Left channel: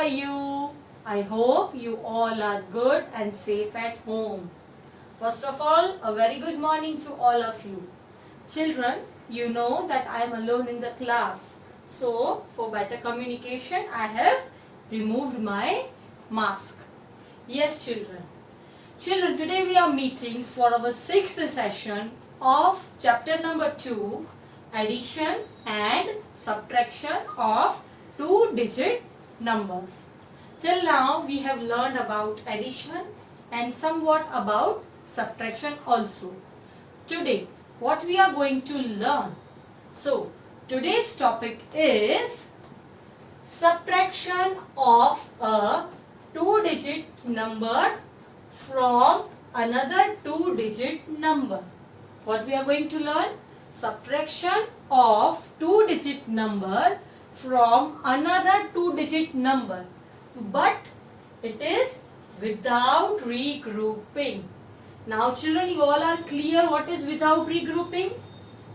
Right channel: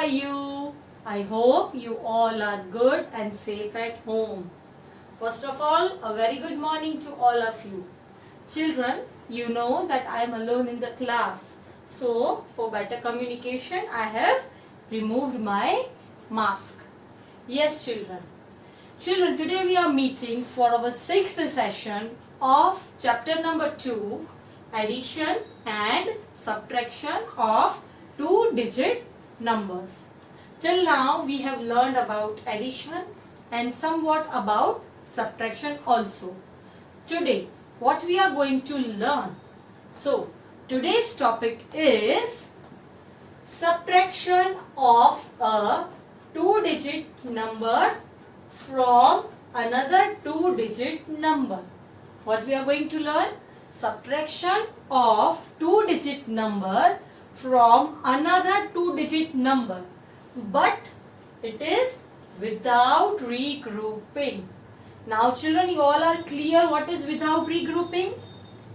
are you? I hope you all are good and safe at home. First of all, a very good morning to all of you. Children, you know that I am alone in the class. So, for better communication, I have removed my mask. Yes, children. Children, today we are meeting for our 6th session of chapter number 2, addition and subtraction of two-digit numbers. Till now, we have learned about addition and somewhat about subtraction also. Today, what we are going to learn? So, today's topic is subtraction of a two-digit number from another two-digit number. What we are going to learn? Subtraction of two-digit number from another two-digit number. But it is without regrouping. Now children, you all are clear what is without regrouping?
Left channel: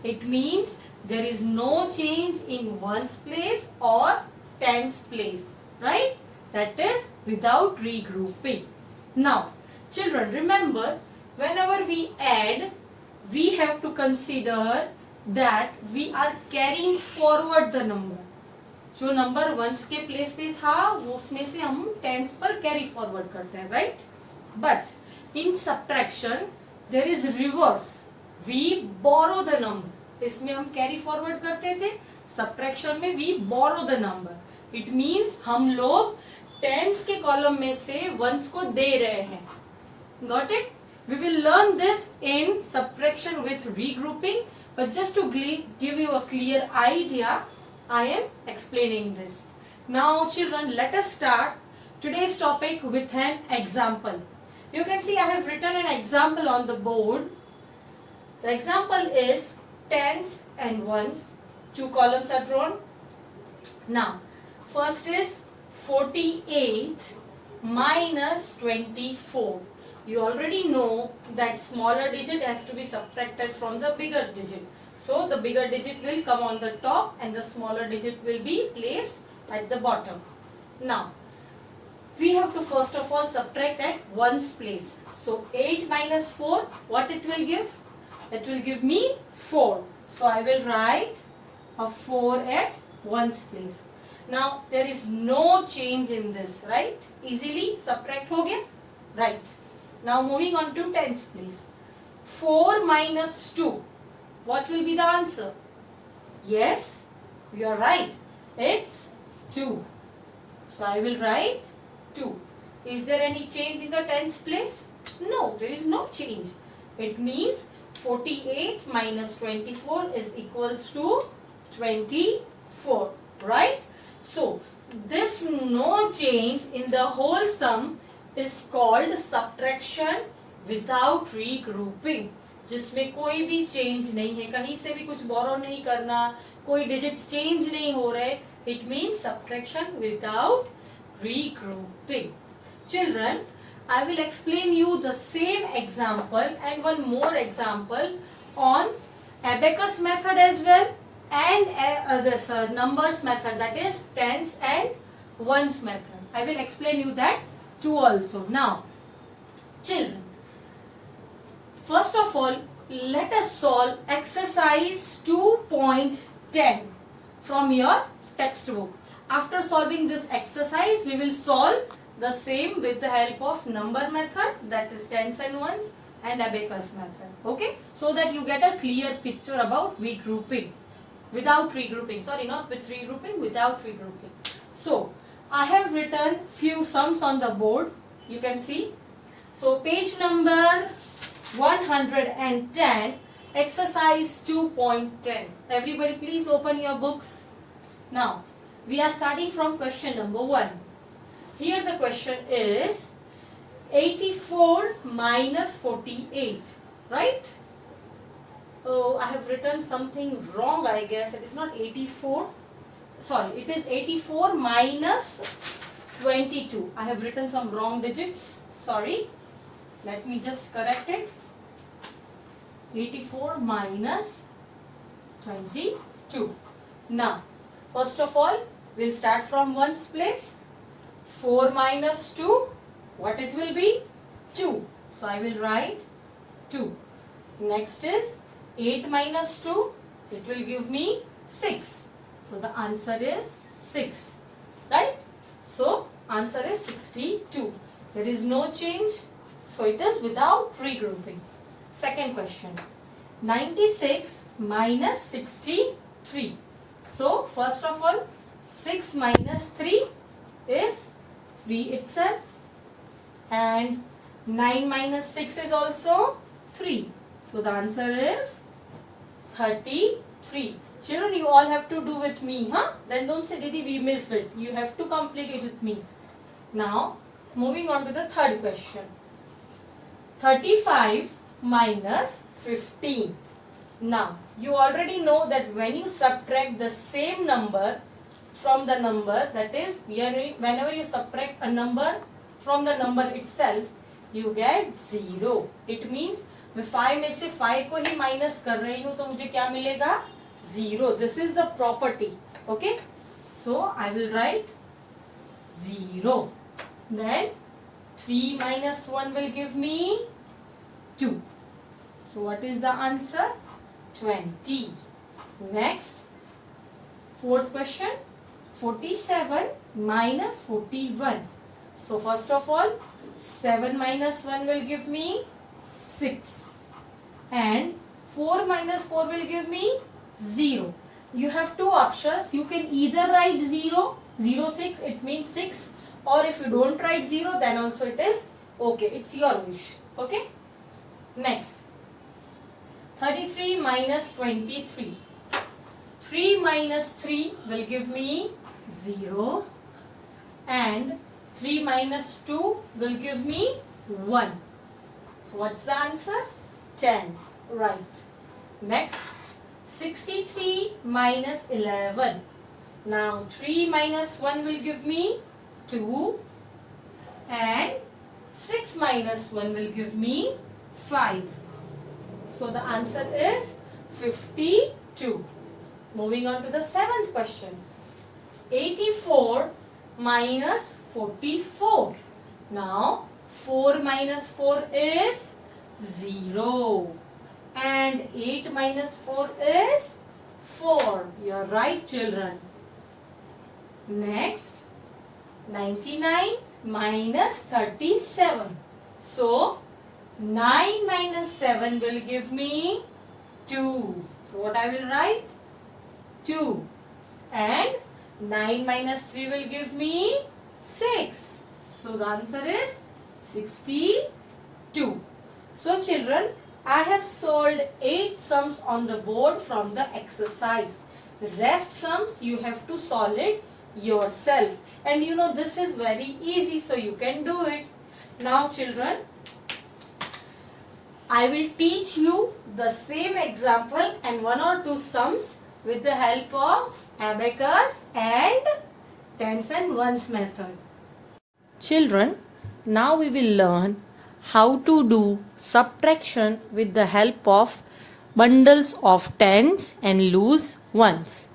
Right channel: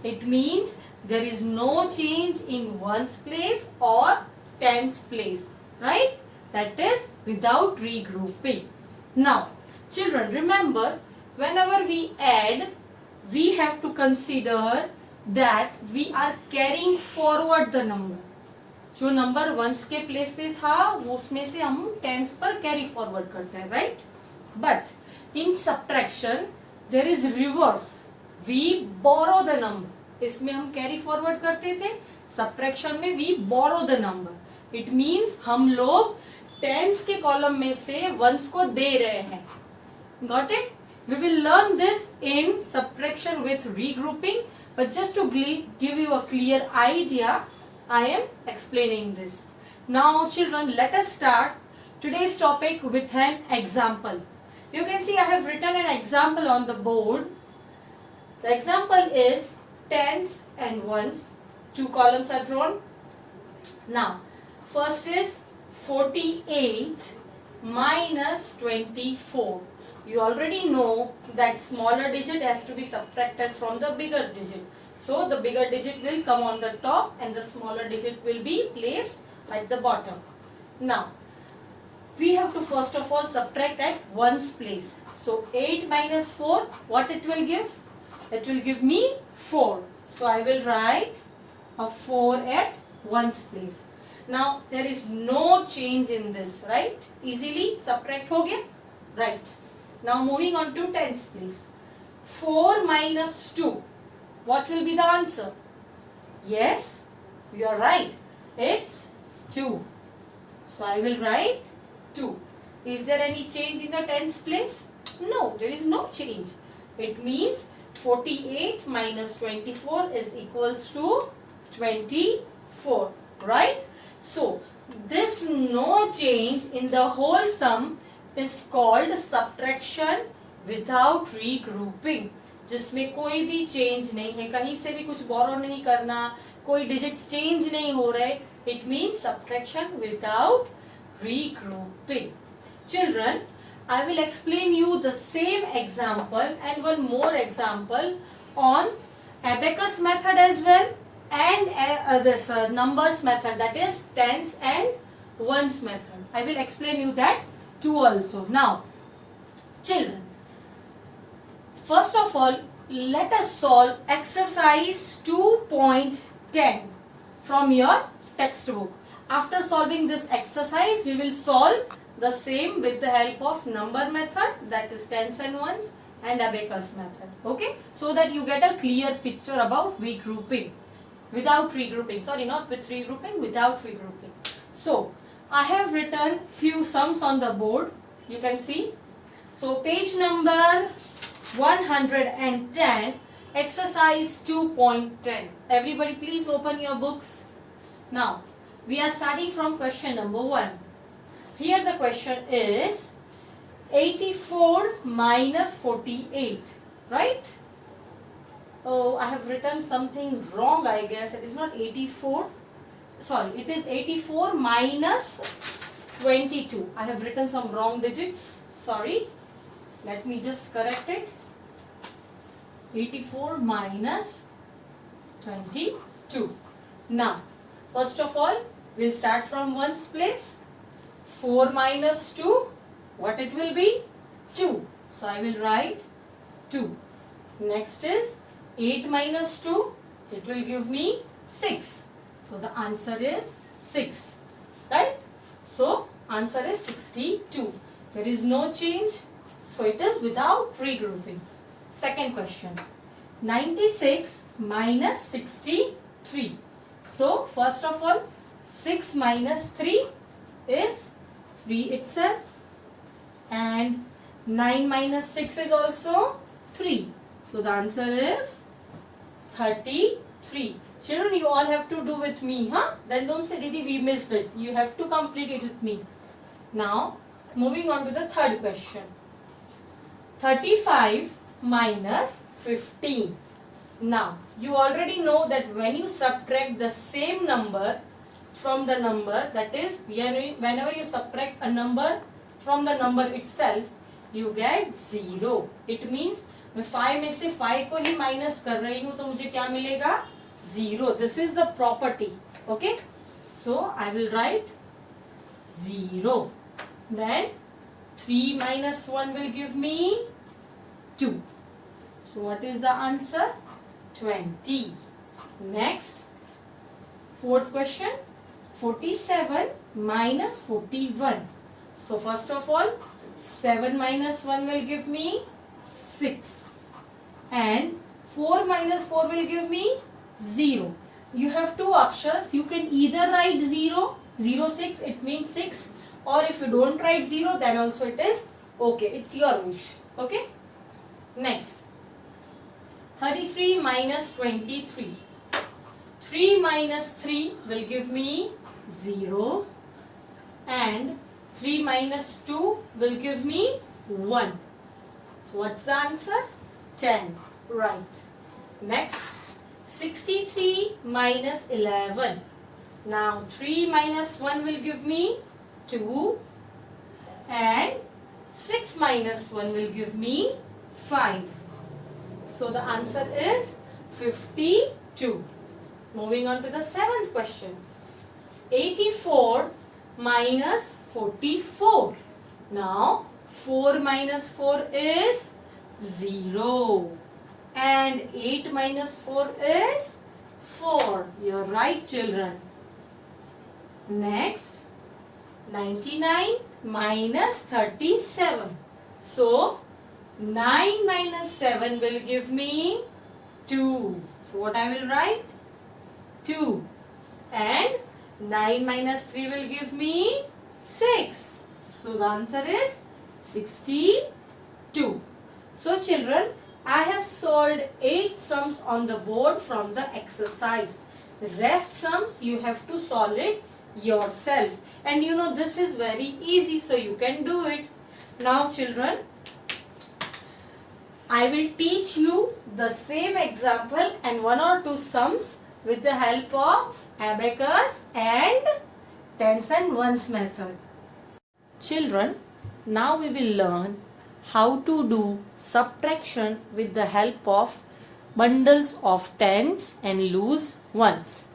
It means there is no change in ones place or tens place. Right? That is without regrouping. Now children, remember, whenever we add, we have to consider that we are carrying forward the number. जो number once के place पे था वो उसमें से हम tense पर carry forward करते हैं, right? But in subtraction there is reverse, we borrow the number. इसमें हम कैरी फॉरवर्ड करते थे, सब्ट्रैक्शन में we borrow the number. It means हम लोग टेंस के कॉलम में से वंस को दे रहे हैं. Got it? We will learn this in subtraction with regrouping, but just to give you a clear idea, I am explaining this. Now children, let us start today's topic with an example. You can see I have written an example on the board. The example is tens and ones. Two columns are drawn. Now, first is 48 minus 24. You already know that smaller digit has to be subtracted from the bigger digit. So the bigger digit will come on the top and the smaller digit will be placed at the bottom. Now, we have to first of all subtract at ones place. So 8 minus 4, what it will give? It will give me 4. So I will write a 4 at ones place. Now there is no change in this, right? Easily subtract ho gaya? Right. Now moving on to tens place. 4 minus 2. What will be the answer? Yes, you are right. It's 2. So I will write 2. Is there any change in the tens place? No, there is no change. It means 48 minus 24 is equals to 24. Right? So this no change in the whole sum is called subtraction without regrouping, जिसमें कोई भी change नहीं है, कहीं से भी कुछ बोरो नहीं करना, कोई डिजिट्स चेंज नहीं हो रहे. It means subtraction without regrouping. Children, I will explain you the same example and one more example on abacus method as well and this numbers method, that is tens and ones method. I will explain you that too also. Now, children, first of all, let us solve exercise 2.10 from your textbook. After solving this exercise, we will solve the same with the help of number method, that is tens and ones, and abacus method. Okay? So that you get a clear picture about regrouping. Without regrouping. Sorry, not with regrouping, without regrouping. So, I have written few sums on the board. You can see. So, page number 110, exercise 2.10. Everybody please open your books. Now, we are starting from question number 1. Here the question is 84 minus 48, right? Oh, I have written something wrong, I guess. It is not 84. Sorry, it is 84 minus 22. I have written some wrong digits. Sorry. Let me just correct it. 84 minus 22. Now, first of all, we'll start from ones place. 4 minus 2, what it will be? 2. So I will write 2. Next is 8 minus 2, it will give me 6. So the answer is 6, right? So answer is 62. There is no change, so it is without regrouping. Second question, 96 minus 63. So first of all, 6 minus 3 is 3 itself, and 9 minus 6 is also 3. So the answer is 33. Children, you all have to do with me, huh? Then don't say, Didi, we missed it. You have to complete it with me. Now, moving on to the third question. 35 minus 15. Now, you already know that when you subtract the same number from the number, that is, whenever you subtract a number from the number itself, you get 0. It means, मैं 5 में से 5 को ही minus कर रही हूँ, तो मुझे क्या मिलेगा? 0. This is the property. Okay? So, I will write 0. Then, 3 minus 1 will give me 2. So, what is the answer? 20. Next, fourth question, 47 minus 41. So, first of all, 7 minus 1 will give me 6. And 4 minus 4 will give me 0. You have two options. You can either write 0, 0, 6, it means 6. Or if you don't write 0, then also it is okay. It's your wish. Okay? Next, 33 minus 23. 3 minus 3 will give me 0. And 3 minus 2 will give me 1. So what's the answer? 10. Right. Next, 63 minus 11. Now 3 minus 1 will give me 2. And 6 minus 1 will give me 5. So the answer is 52. Moving on to the seventh question. 84 minus 44. Now 4 minus 4 is 0. And 8 minus 4 is 4. You're right, children. Next, 99 minus 37. So, 9 minus 7 will give me 2. So, what I will write? 2. And 9 minus 3 will give me 6. So, the answer is 62. So, children, I have solved 8 sums on the board from the exercise. The rest sums you have to solve it yourself. And you know this is very easy, so you can do it. Now, children, I will teach you the same example and 1 or 2 sums with the help of abacus and tens and ones method. Children, now we will learn how to do subtraction with the help of bundles of tens and loose ones.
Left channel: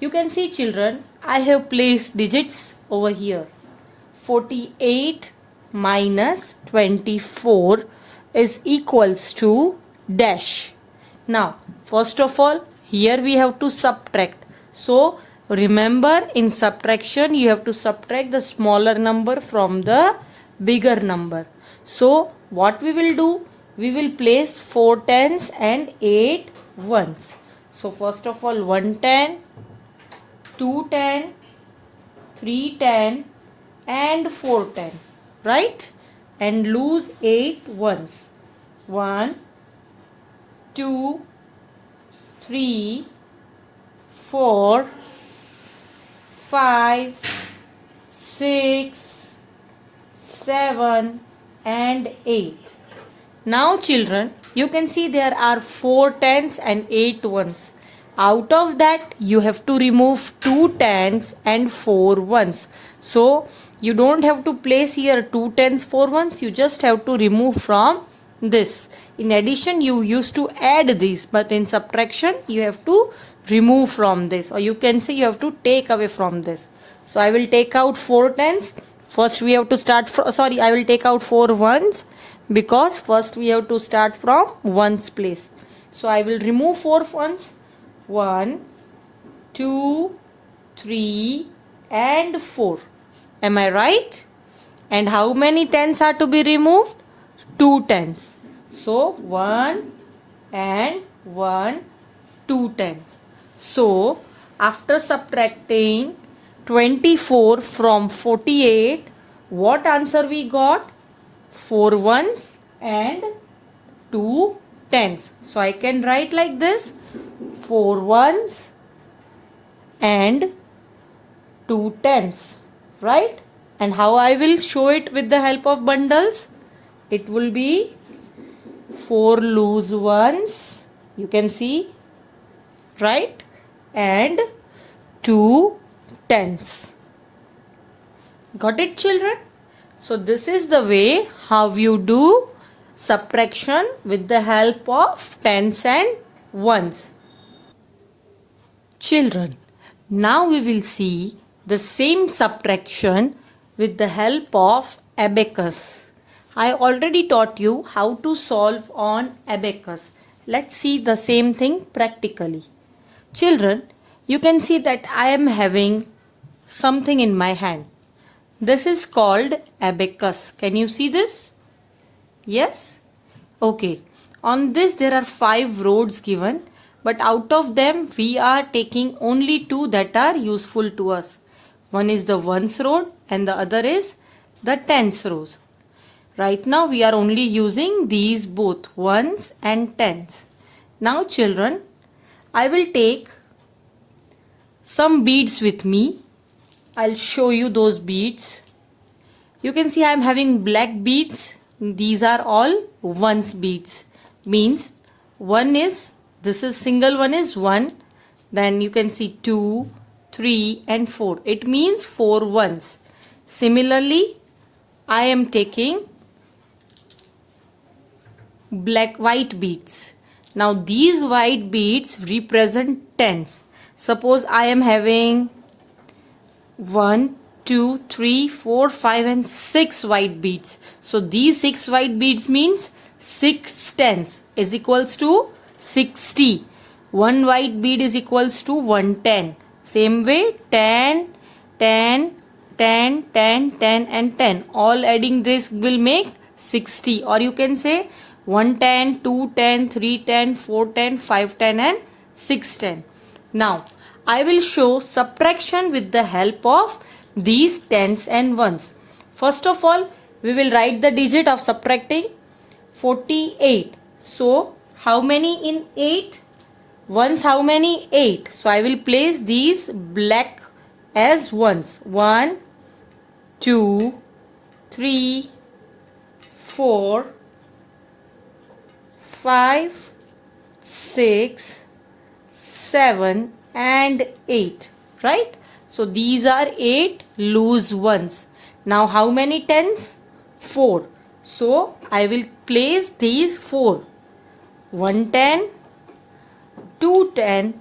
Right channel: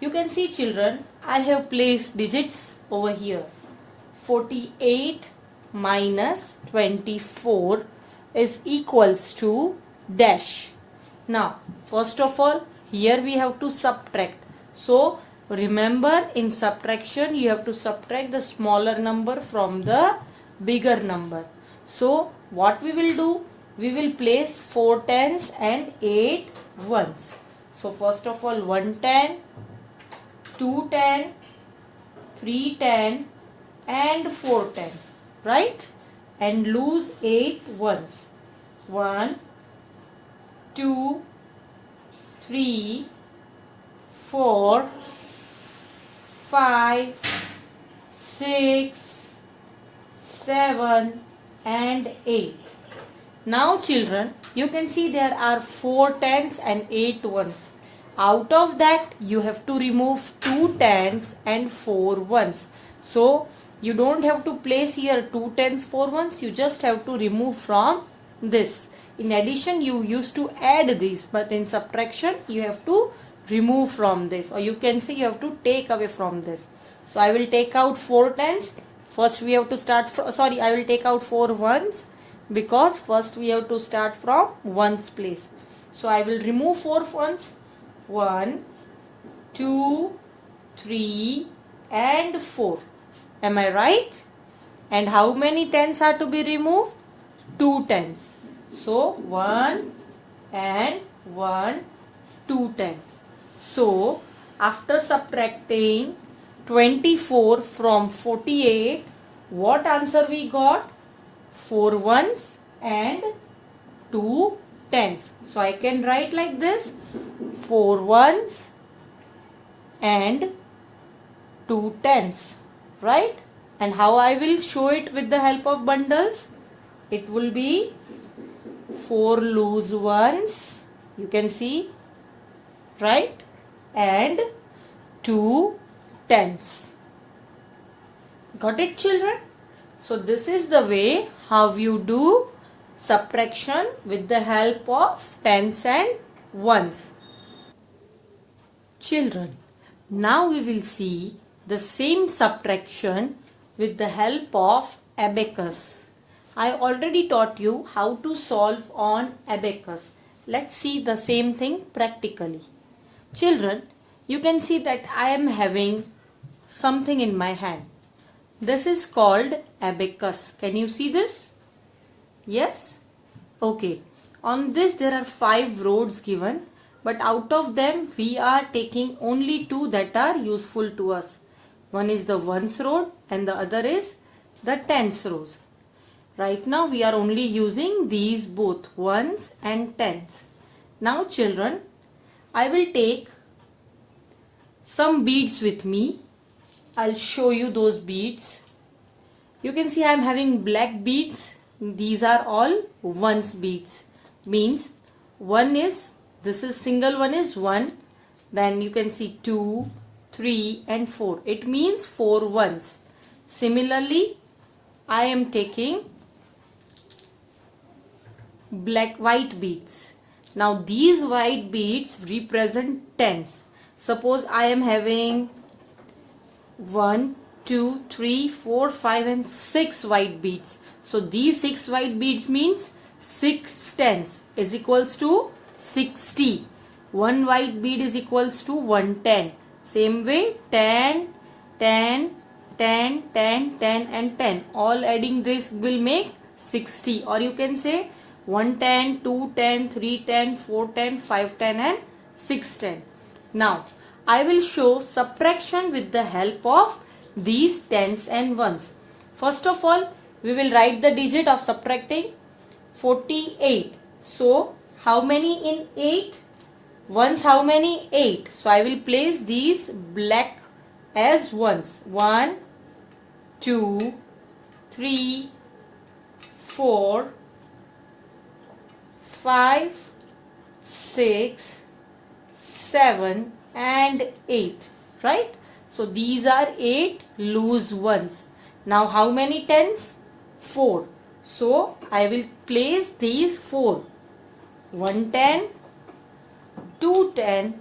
You can see, children, I have placed digits over here. 48 minus 24 is equals to dash. Now, first of all, here we have to subtract. So, remember, in subtraction, you have to subtract the smaller number from the bigger number. So, what we will do? We will place 4 tens and 8 ones. So, first of all, 1 10, 2 10, 3 10 and 4 10. Right? And lose 8 ones. 1, 2, 3, 4, 5, 6, 7 and 8. Now, children, you can see there are 4 tens and 8 ones. Out of that, you have to remove 2 tens and 4 ones. So, you don't have to place here 2 tens, 4 ones. You just have to remove from this. In addition, you used to add these, but in subtraction, you have to remove from this. Or you can say you have to take away from this. So, I will take out 4 tens First we have to start from, sorry, I will take out 4 ones because first we have to start from ones place. So I will remove 4 ones. 1, 2, 3 and 4. Am I right? And how many tens are to be removed? 2 tens. So 1 and 1, 2 tens. So after subtracting 24 from 48, what answer we got? 4 ones and 2 tens. So I can write like this: 4 ones and 2 tens, right? And how I will show it with the help of bundles? It will be 4 loose ones, you can see, right? And 2 tens. Got it, children? So this is the way how you do subtraction with the help of tens and ones. Children, now we will see the same subtraction with the help of abacus. I already taught you how to solve on abacus. Let's see the same thing practically. Children, you can see that I am having something in my hand. This is called abacus. Can you see this? Yes? Okay. On this there are 5 rods given, but out of them we are taking only 2 that are useful to us. One is the ones rod and the other is the tens rows. Right now we are only using these both, ones and tens. Now children, I will take some beads with me. I'll show you those beads. You can see I am having black beads. These are all ones beads. Means one is, this is single one is 1. Then you can see 2, 3 and 4. It means 4 ones. Similarly, I am taking white beads. Now these white beads represent tens. Suppose I am having 1, 2, 3, 4, 5 and 6 white beads. So these 6 white beads means 6 tens is equals to 60. One white bead is equals to 110. Same way 10, 10, 10, 10, 10 and 10. All adding this will make 60, or you can say 110, 210, 310, 410, 510 and 610. Now I will show subtraction with the help of these tens and ones. First of all, we will write the digit of subtracting. 48. So how many in 8? Ones how many? 8. So I will place these black as ones. 1, 2, 3, 4, 5, 6, 7 and 8. Right? So these are 8 loose ones. Now how many tens? 4. So I will place these 4. 110, 210,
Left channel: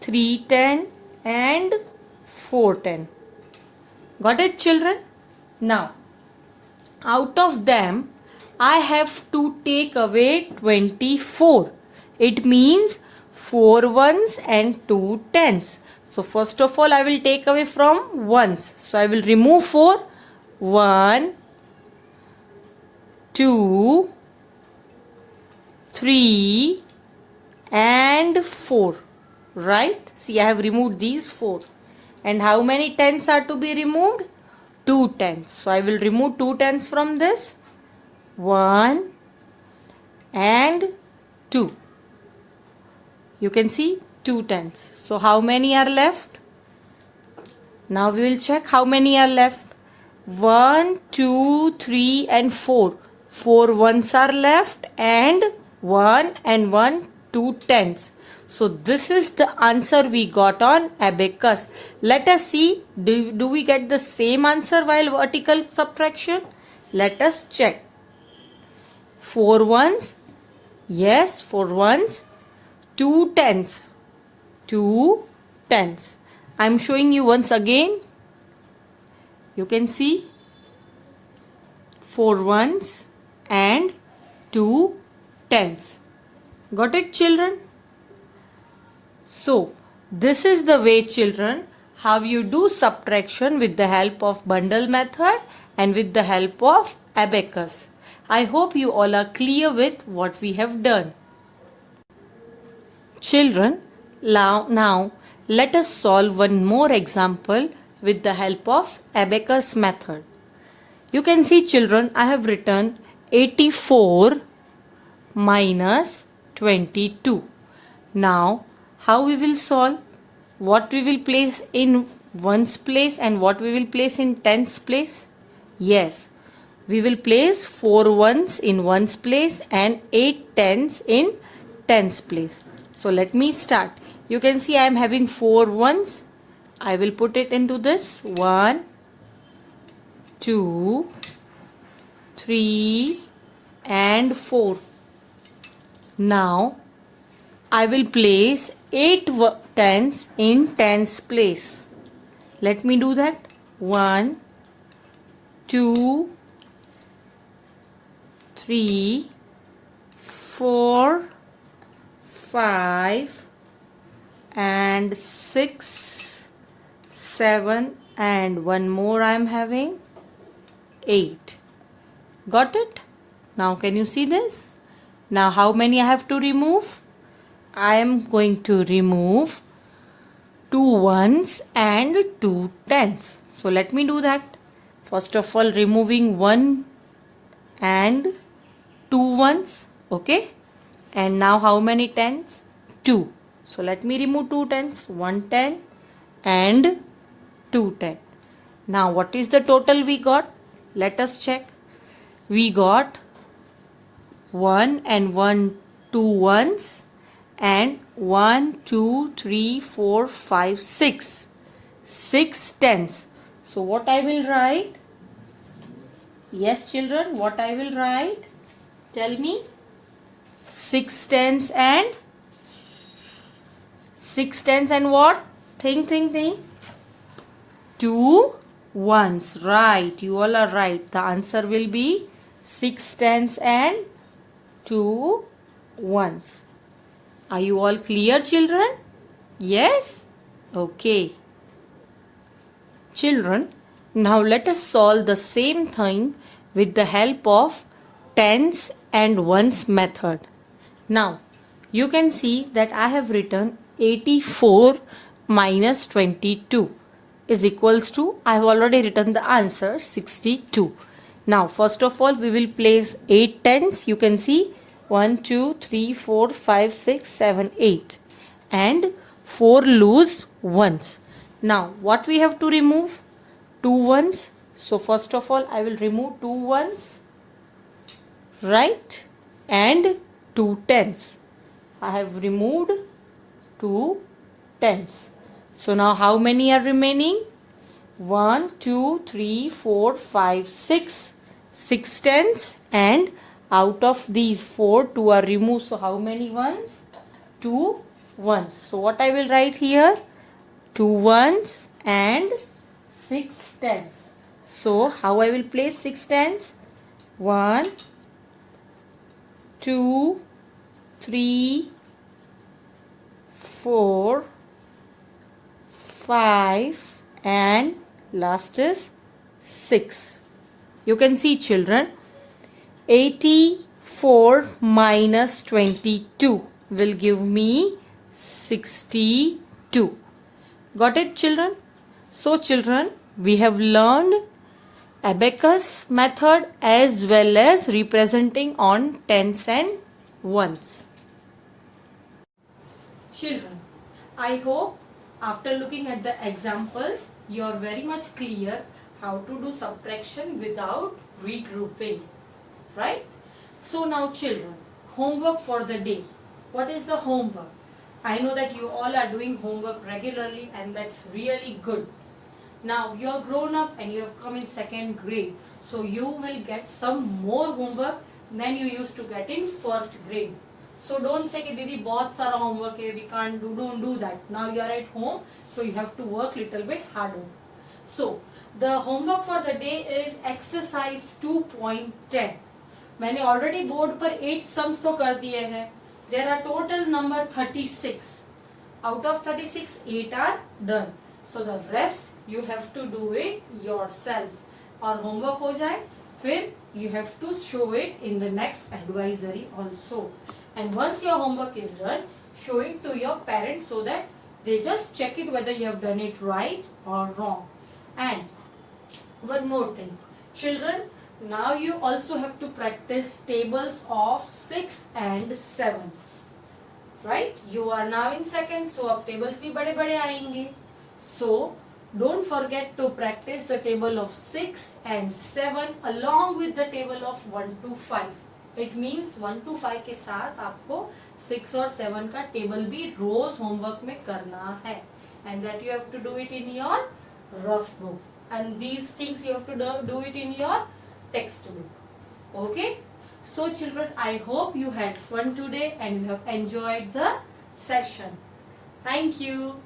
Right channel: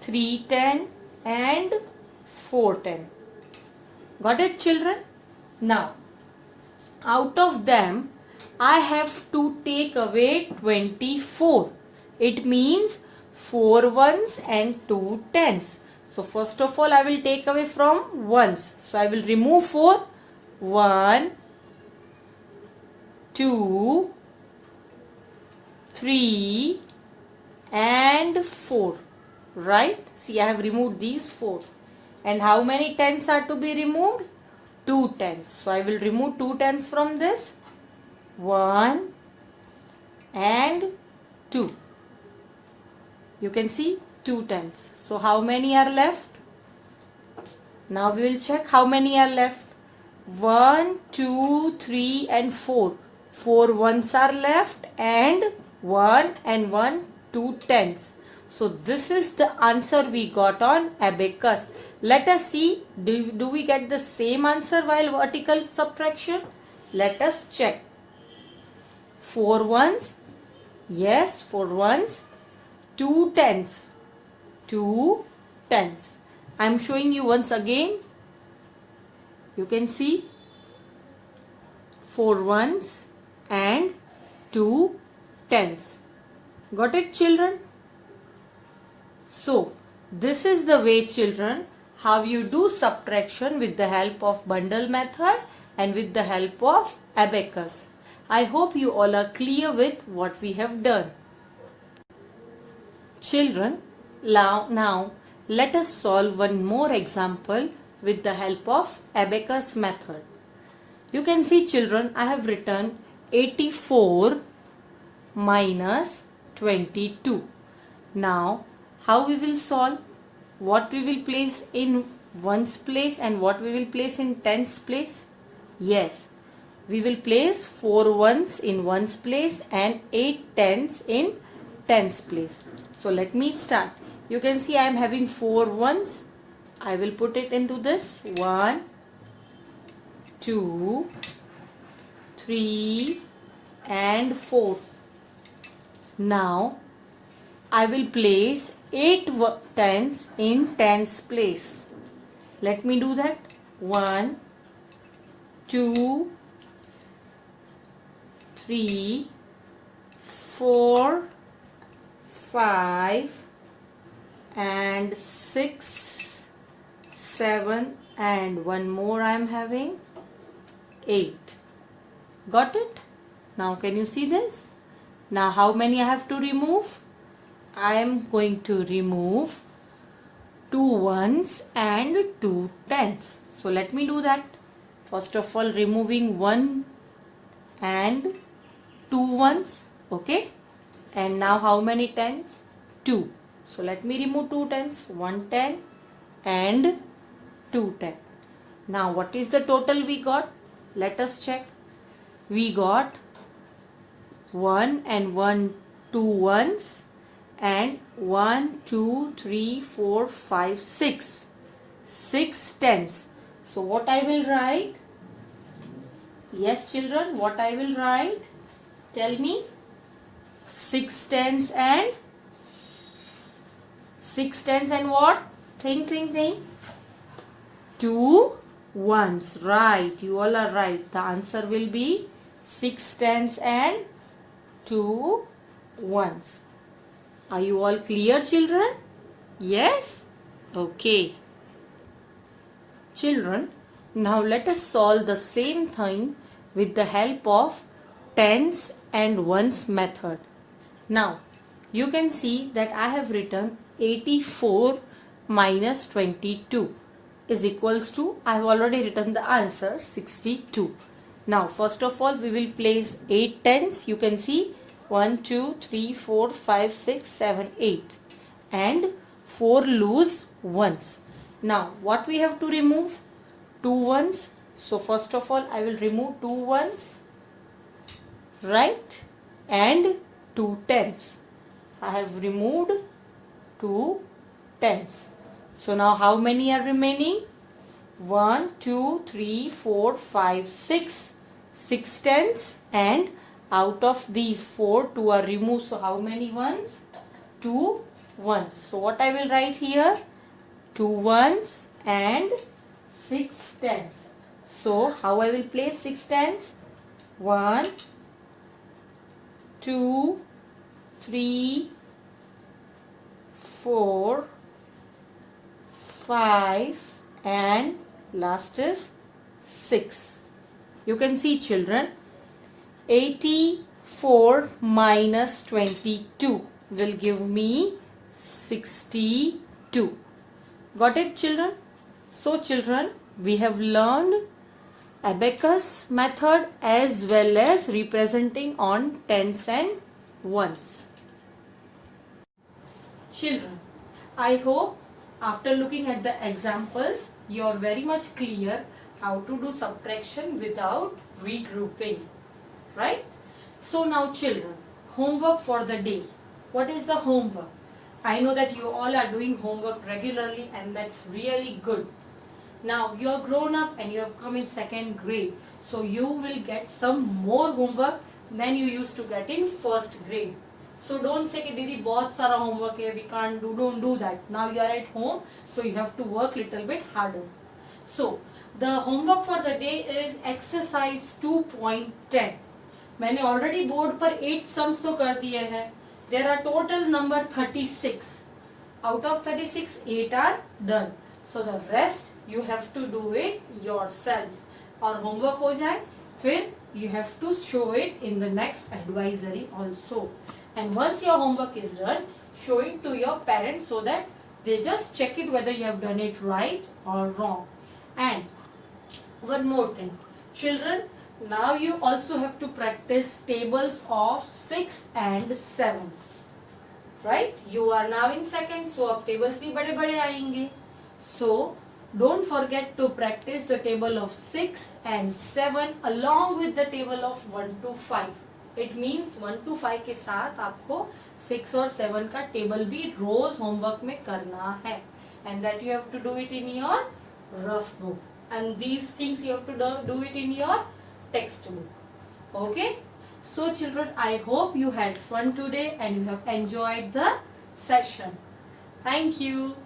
310 and 410. Got it, children? Now out of them I have to take away 24. It means 4 ones and 2 tens. So first of all I will take away from ones. So I will remove 4. 1, 2, 3 and 4. Right? See, I have removed these 4. And how many tens are to be removed? 2 tens. So I will remove 2 tens from this. 1 and 2. You can see 2 tens. So how many are left? Now we will check how many are left. 1, 2, 3 and 4. 4 ones are left and 1 and 1, 2 tens. So this is the answer we got on abacus. Let us see, do we get the same answer while vertical subtraction? Let us check. 4 ones, yes, 4 ones, 2 tens, 2 tens. I am showing you once again. You can see 4 ones and 2 tens. Got it, children? So, this is the way, children, how you do subtraction with the help of bundle method and with the help of abacus. I hope you all are clear with what we have done. Children, now let us solve one more example with the help of abacus method. You can see, children, I have written 84 minus 22. Now, how we will solve? What we will place in ones place and what we will place in tens place? Yes, we will place 4 ones in ones place and 8 tens in tens place. So let me start. You can see I am having 4 ones. I will put it into this. 1, 2, 3 and 4. Now I will place 8 tens in tens place. Let me do that. 1, 2, 3, 4, 5 and 6, 7 and one more I am having 8. Got it? Now can you see this? Now how many I have to remove? I am going to remove 2 ones and 2 tens. So let me do that. First of all, removing 1 and 2 ones. Okay. And now how many tens? 2. So let me remove 2 tens. 1 ten and 2 ten. Now what is the total we got? Let us check. We got 1 and 1 2 ones and 1 2 3 4 5 6 6 tens. So what I will write? Yes, children, what I will write? Tell me. 6 tens and 6 tens and what? Think. 2 ones. Right, you all are right. The answer will be 6 tens and 2 ones. Are you all clear, children? Yes? Okay. Children, now let us solve the same thing with the help of tens and ones method. Now, you can see that I have written 84 minus 22 is equals to, I have already written the answer, 62. Now, first of all, we will place 8 tens. You can see 1, 2, 3, 4, 5, 6, 7, 8 and 4 loose ones. Now, what we have to remove? 2 ones. So, first of all, I will remove 2 ones, right, and 2 tens. I have removed 2 tens. So, now how many are remaining? 1, 2, 3, 4, 5, 6. 6 tens and out of these 4, 2 are removed. So, how many ones? 2 ones. So, what I will write here? 2 ones and 6 tens. So, how I will place 6 tens? 1, 2, 3, 4, 5 and last is 6. You can see, children, 84 minus 22 will give me 62. Got it, children? So, children, we have learned abacus method as well as representing on tens and ones. Children, I hope after looking at the examples, you are very much clear how to do subtraction without regrouping, right? So now, children, homework for the day. What is the homework? I know that you all are doing homework regularly and that's really good. Now you are grown up and you have come in 2nd grade. So you will get some more homework than you used to get in 1st grade. So don't say कि दीदी बहुत सारा homework है, we can't do. Don't do that. Now you are at home, so you have to work little bit harder. So The homework for the day is exercise 2.10. मैंने already board पर 8 sums तो कर दिए हैं. There are total number 36. Out of 36, 8 are done. So the rest you have to do it yourself. और homework हो जाए, फिर you have to show it in the next advisory also. And once your homework is done, show it to your parents so that they just check it whether you have done it right or wrong. And one more thing, children, now you also have to practice tables of 6 and 7. Right? You are now in second, so अब tables भी बड़े बड़े आएंगे. So don't forget to practice the table of 6 and 7 along with the table of 1 to 5. It means 1 to 5 के साथ आपको 6 और 7 का टेबल भी रोज होमवर्क में करना है. And that you have to do it in your rough book. And these things you have to do it in your textbook. Okay? So children, I hope you had fun today and you have enjoyed the session. Thank you.